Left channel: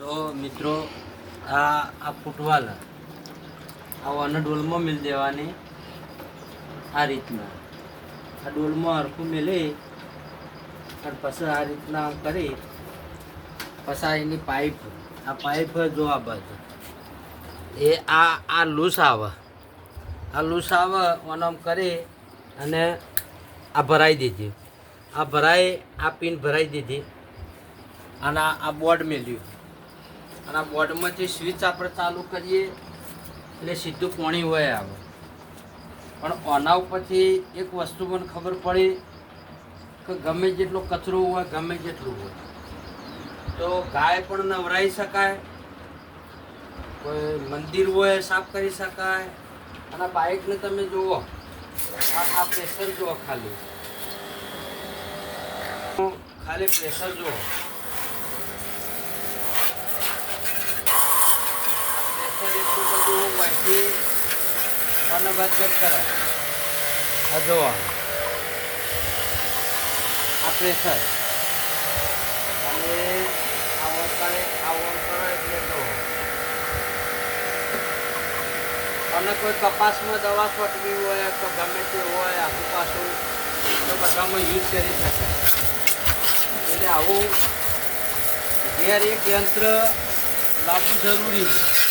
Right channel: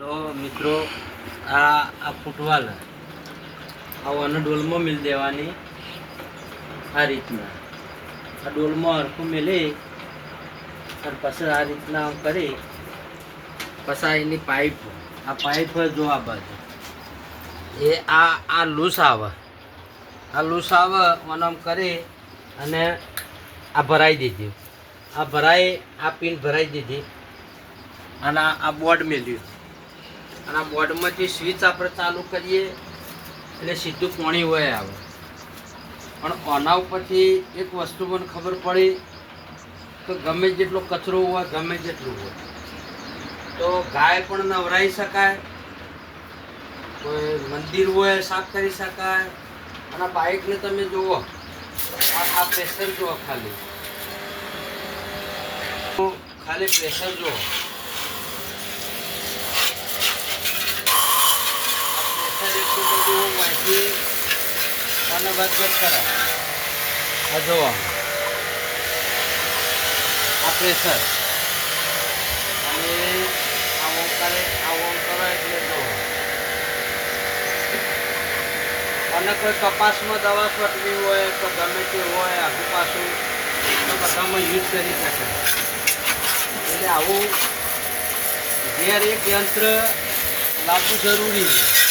જો મિત્રો, આ આ ફૂટવાલ. આ વન ડોલમાં મિલ દેવાની આ રીતના. આ ડોલમાં હરખું મેલી અને પછી આ રીતના કરી પછી એની પાઇપ. આ પાઇપ જો આ બાજુ. એ આ આ લૂસ આવે. આ લૂસ આવે અને આમ કરી અને આ ભરાઈ દીધી આ ભરાઈ, આ પિન ભરાઈ દીધી અને આ બોર્ડ મેલ્યું. અને આ બોર્ડમાંથી સ્વિચ આપણે ચાલુ કરીએ, એટલે સીધું પાણી હોય આવે. પણ આના ઉપરથી એક વસ્તુ મને ખબર પડી કે ગમે જેટલો કચરો હોય, ગમે જેટલું હોય. તો ગાય પણ નવરાઈ શકાય, કોઈ મંદિર હોય, સાફ કરી શકાય. અને બાઇકને તમે જુઓ આ પ્રેશર જુઓ ખાલી. ખાલી પ્રેશર જુઓ આ પ્રેશર એટલું બધું હોવાથી અને વધઘટ કરો આ જુઓ આ અને આ ઓમ કરે આ ઓમ કરો એટલે જુઓ અને કોઈ કપાસમાં દવા છોટવી હોય, તો ગમે તે હોય આગુ પાછું તો બધામાં યુઝ કરી શકે. એટલે આવું ઘેર એક યંત્ર લાવવું જરૂરી છે.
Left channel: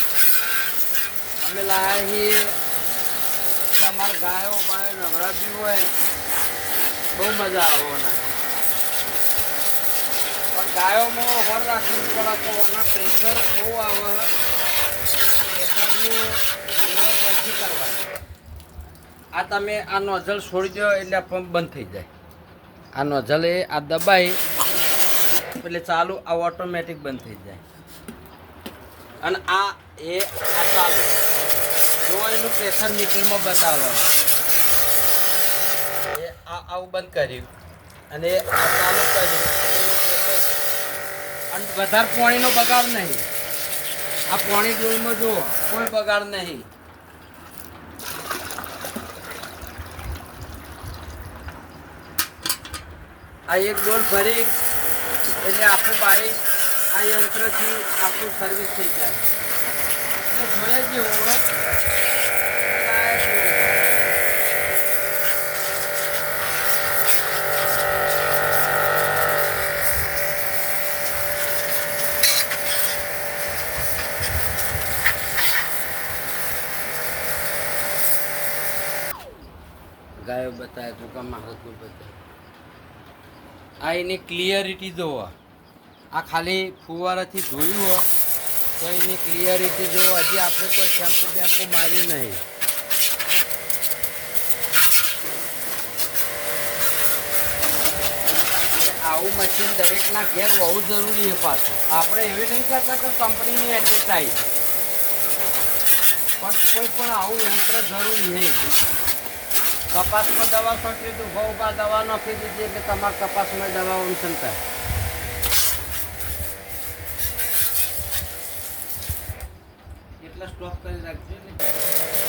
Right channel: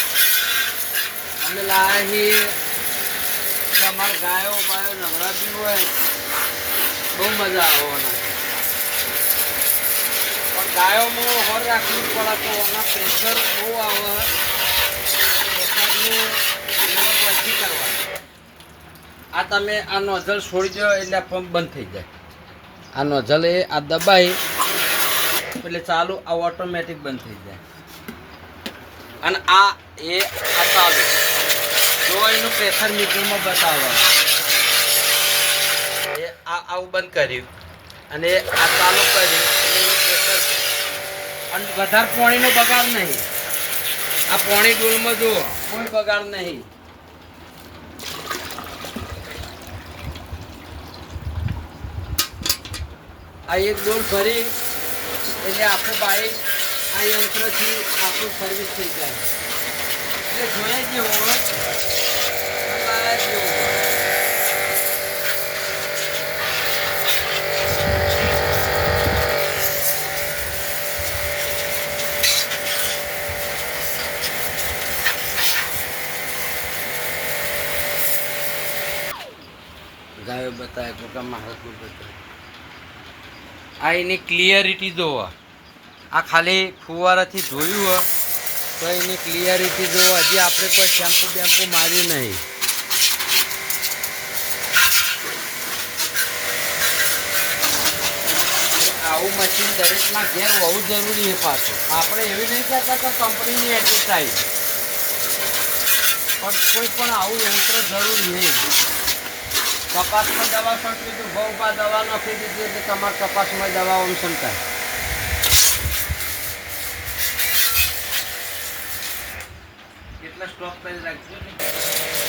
અમે લાયા છીએ કે અમારા ગાયો બાયો નવરાબી હોય. બહુ મજા આવવાના પણ ગાયોમાં હોર રાખવું પડે તો એના પ્રેશર બહુ આવે. પ્રેશરનું પછી કરવાનું. આ તમે આ નોઝલ છોડી દો એટલે પંપ બંધ થઈ જાય. આ નોઝલ એ આ દબાઈ. એટલે ચાલુ આ ઓટોમેટિક બંધ થઈ જાય. અને આ એ આ ચાલુ. જો એનું પ્રેશર મીટરમાં બતાવવા એ આ આવું બંધ કર્યું. અને આ ચાલુ કર્યું. એનું પ્રેશર અને વધારે પાણીનો બગાડ નહીં. આ પાણી ડોલમાં જુઓ કોઈ બગાડ નહીં. આ એક ડોલ ભરી એટલે આખું બાઈક આ યંત્રથી આખું સર્વિસ થઈ જાય. એટલે જોયા જ ગાયો બતાવે પોતા હલકું બતાવે. આ એની ક્લિયરિટી જોવા. આ ખાલી ફુવારાથી ધોયું હોય તો એની ક્લિયરિટી જો હજી આપણે કોઈ શેમ્પુ બેમ્પુ માર્યું નહીં. આવું મશીન દરેકના ઘેર હોવું જરૂરી છે પાછું. આપણે એવી નહીં કરતા કે કંપનીની એડવર્ટાઈઝ પણ કોઈ પણ આવું યંત્ર જરૂરી નહીં કપાસમાં દવા છોટી બહુ બા દવા નાખી દીધી એટલે તમારે કપાસમાં દવા ઓમસન થાય. প্লাস ক্লক প্রাইজ রাখবেন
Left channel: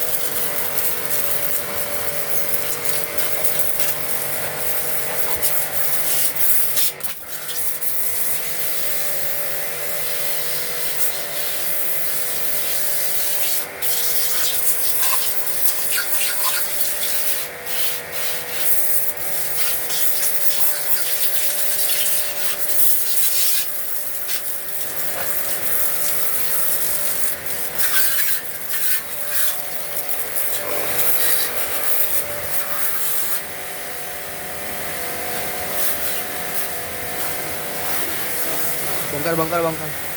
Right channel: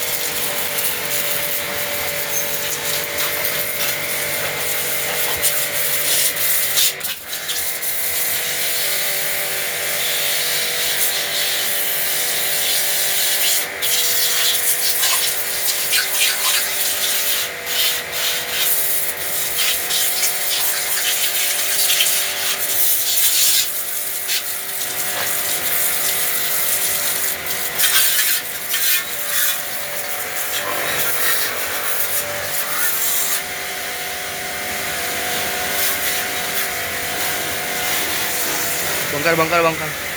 Bangkal, bangkal, bangkal.